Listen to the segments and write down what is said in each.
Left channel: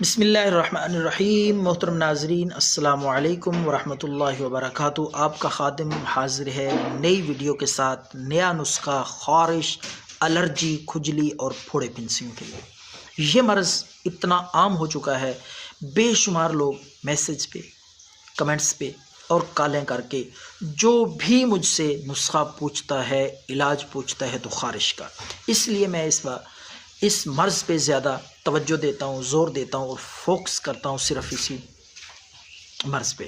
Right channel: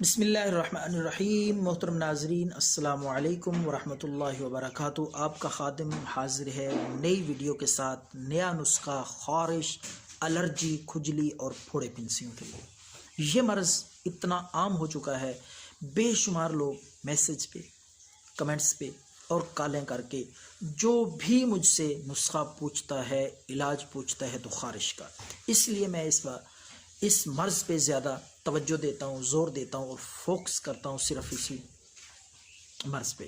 بسم اللہ الرحمن الرحیم۔ محترم ناظرین السلام علیکم ورحمۃ اللہ وبرکاتہ۔ آپ کا خادم حاضر ہے نئی ویڈیو کے ساتھ، نیا نسخہ خارش، الرجی، کھجلی اور پھوڑے پھنسیوں کے لیے۔ یہ مرض اتنا عام ہو چکا ہے، بے شمار لوگ میسج پہ، کمنٹس پہ اور کالیں کر کے جو بھی مجھ سے نسخہ پوچھتا ہے، علاج پوچھتا ہے تو خارش کا۔ اس لیے میں اس مرض پہ زیادہ توجہ دیتا ہوں، زور دیتا ہوں اور فوکس کرتا ہوں صرف اسی مرض پہ،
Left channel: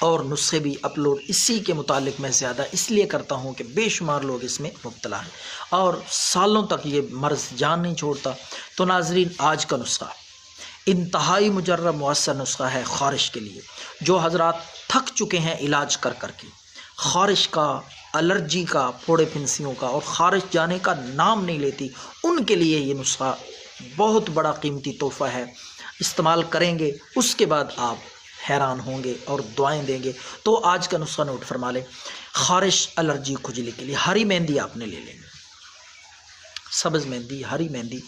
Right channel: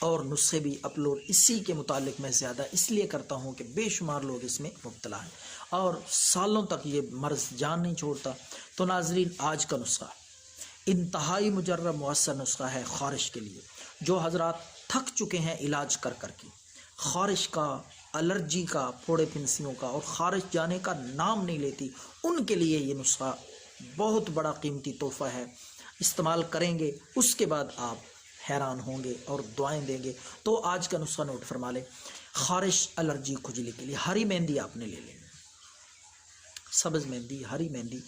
اور نسخے بھی اپلوڈ اسی کے متعلق میں زیادہ اس لیے کرتا ہوں کہ بے شمار لوگ اس میں مبتلا ہیں اور سالوں تک یہ مرض جان نہیں چھوڑتا۔ تو ناظرین، آج کا نسخہ انتہائی مجرب مؤثر نسخہ ہے خارش کے لیے۔ جو حضرات تھک چکے ہیں علاج کر کر کے، خارش کا، الرجی کا، پھوڑے پھنسیوں کا، اور خارش جانے کا نام نہیں لیتی، ان کے لیے یہ نسخہ بہت بڑا قیمتی تحفہ ہے۔ استعمال کریں گے، اس کے بعد آپ حیران ہوں گے اور دعائیں دیں گے۔ تو آج کا نسخہ نوٹ فرما لیں۔ خارش، الرجی، کھجلی کے لیے ہری مہندی آپ نے لے لیں، سبز مہندی، ہری مہندی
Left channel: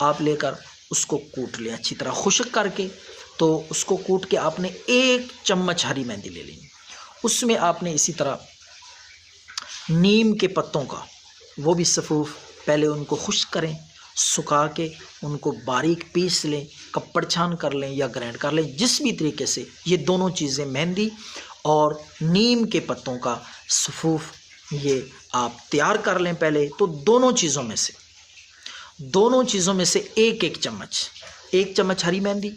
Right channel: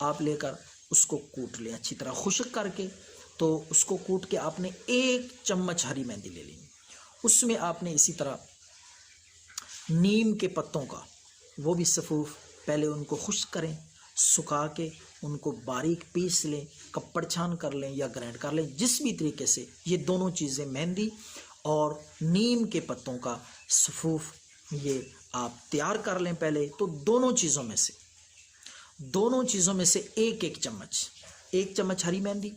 آپ لے کر اس کو کوٹ لیں اچھی طرح خشک کر کے۔ تو اس کو کوٹ کے آپ نے 1 چمچ ہری مہندی لے لیں۔ اس میں آپ نے اسی طرح نیم کے پتوں کا، وہ بھی صفوف، پہلے ان کو خشک کریں، سکھا کے ان کو باریک پیس لیں، کپڑ چھان کر لیں یا گرینڈ کر لیں، جس بھی طریقے سے یہ دونوں چیزیں، مہندی اور نیم کے پتوں کا صفوف، یہ آپ تیار کر لیں پہلے۔ تو دونوں چیزوں میں سے ایک چمچ، 1 چمچ ہری مہندی،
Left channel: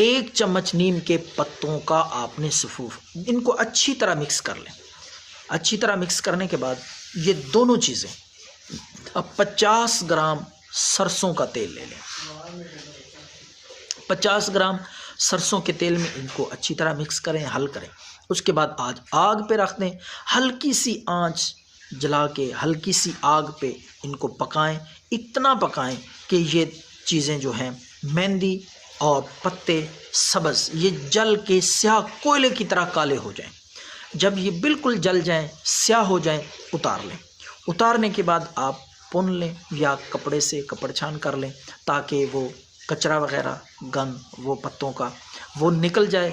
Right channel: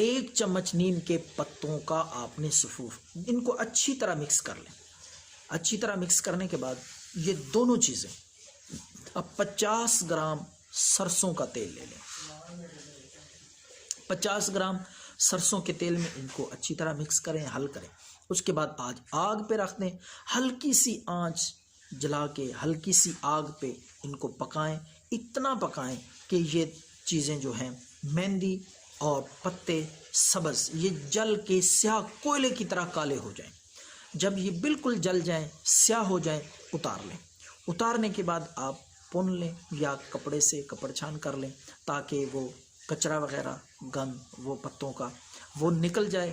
1 چمچ نیم کے پتوں کا آپ نے صفوف، ان کو اچھی طرح مکس کر لیں۔ اچھی طرح مکس کرنے کے بعد یہ دونوں چیزیں، اب 50 گرام سرسوں کا تیل لے لیں۔ 50 گرام سرسوں کے تیل میں ان کو اچھی طرح مکس کریں، حل کریں۔ اس کے بعد آگ پہ رکھ دیں، ہلکی سی آنچ جلا کے ہلکی سی آگ پہ ان کو پکائیں، اتنا پکائیں کہ یہ چیزیں جو ہیں، مہندی اور پتے سبز، یہ جل کے سیاہ کوئلے کی طرح کالے ہو جائیں۔ جب یہ بالکل جل جائیں، سیاہ ہو جائیں، اتار لیں۔ اتارنے کے بعد آپ پن لیں یا کپڑے سے کپڑ چھان کر لیں، تاکہ وہ کچرا وغیرہ، گند، وہ پتوں کا، وہ نکل جائے۔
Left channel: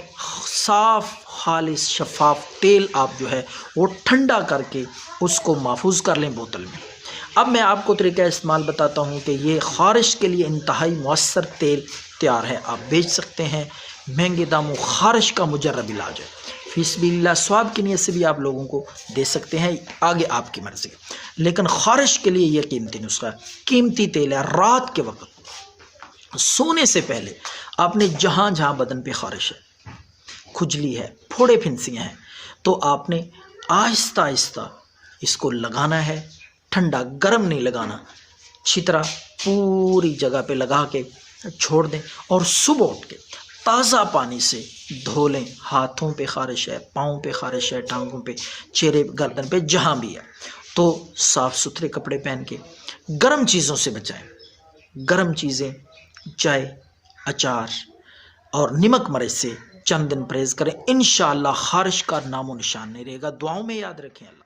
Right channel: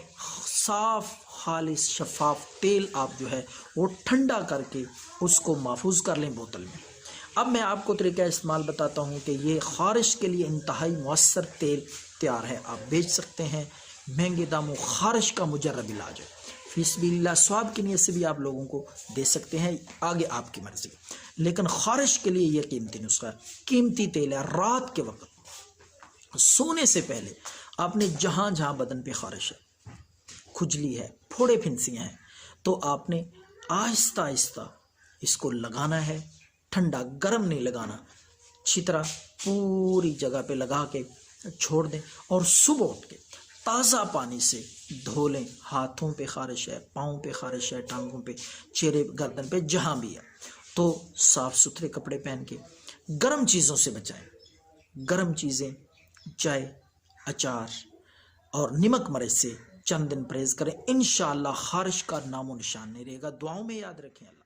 صاف، خالص، شفاف تیل آپ جو ہے وہ ٹھنڈا کر کے اس کو محفوظ کر لیں بوتل میں۔ اب میں آپ کو طریقہ استعمال بتاتا ہوں کہ یہ خارش کے لیے انتہائی مؤثر تیل تیار ہے، آپ بیچ سکتے ہیں، مہنگے داموں، خارش کا مجرب علاج ہے۔ فی سبیل اللہ، ثواب کی نیت سے بھی آپ لوگوں کو دے سکتے ہیں، آگے آپ کی مرضی۔ لیکن خارش کے لیے یہ قیمتی نسخہ ہے، قیمتی تیل ہے۔ رات کے وقت سونے سے پہلے آپ نے جہاں جہاں بدن پہ خارش ہے، کھجلی ہے، پھوڑے پھنسیاں ہیں، تو آپ نے آہستہ آہستہ اس کو لگانا ہے، ٹھنڈا گرم نہیں لگانا، اچھی طرح پوری جگہ پہ لگا کے چھوڑ دیں، اور صبح اٹھ کے تازہ پانی سے دھو لیں۔ ہاتھوں پہ خارش ہے، پاؤں پہ خارش ہے، ٹانگوں پہ، چہرے، گردن پہ، جہاں بھی ہے، تو صاف ستھرے کپڑے پہن کے گرم چیزوں سے بچائیں۔ گرم چیزیں، چائے، اچار اور نمک مرچ سے چند دن پرہیز کریں، انشاءاللہ خارش کا نام و نشان نہیں رہے گا۔ دعاؤں میں یاد رکھیں۔ اللہ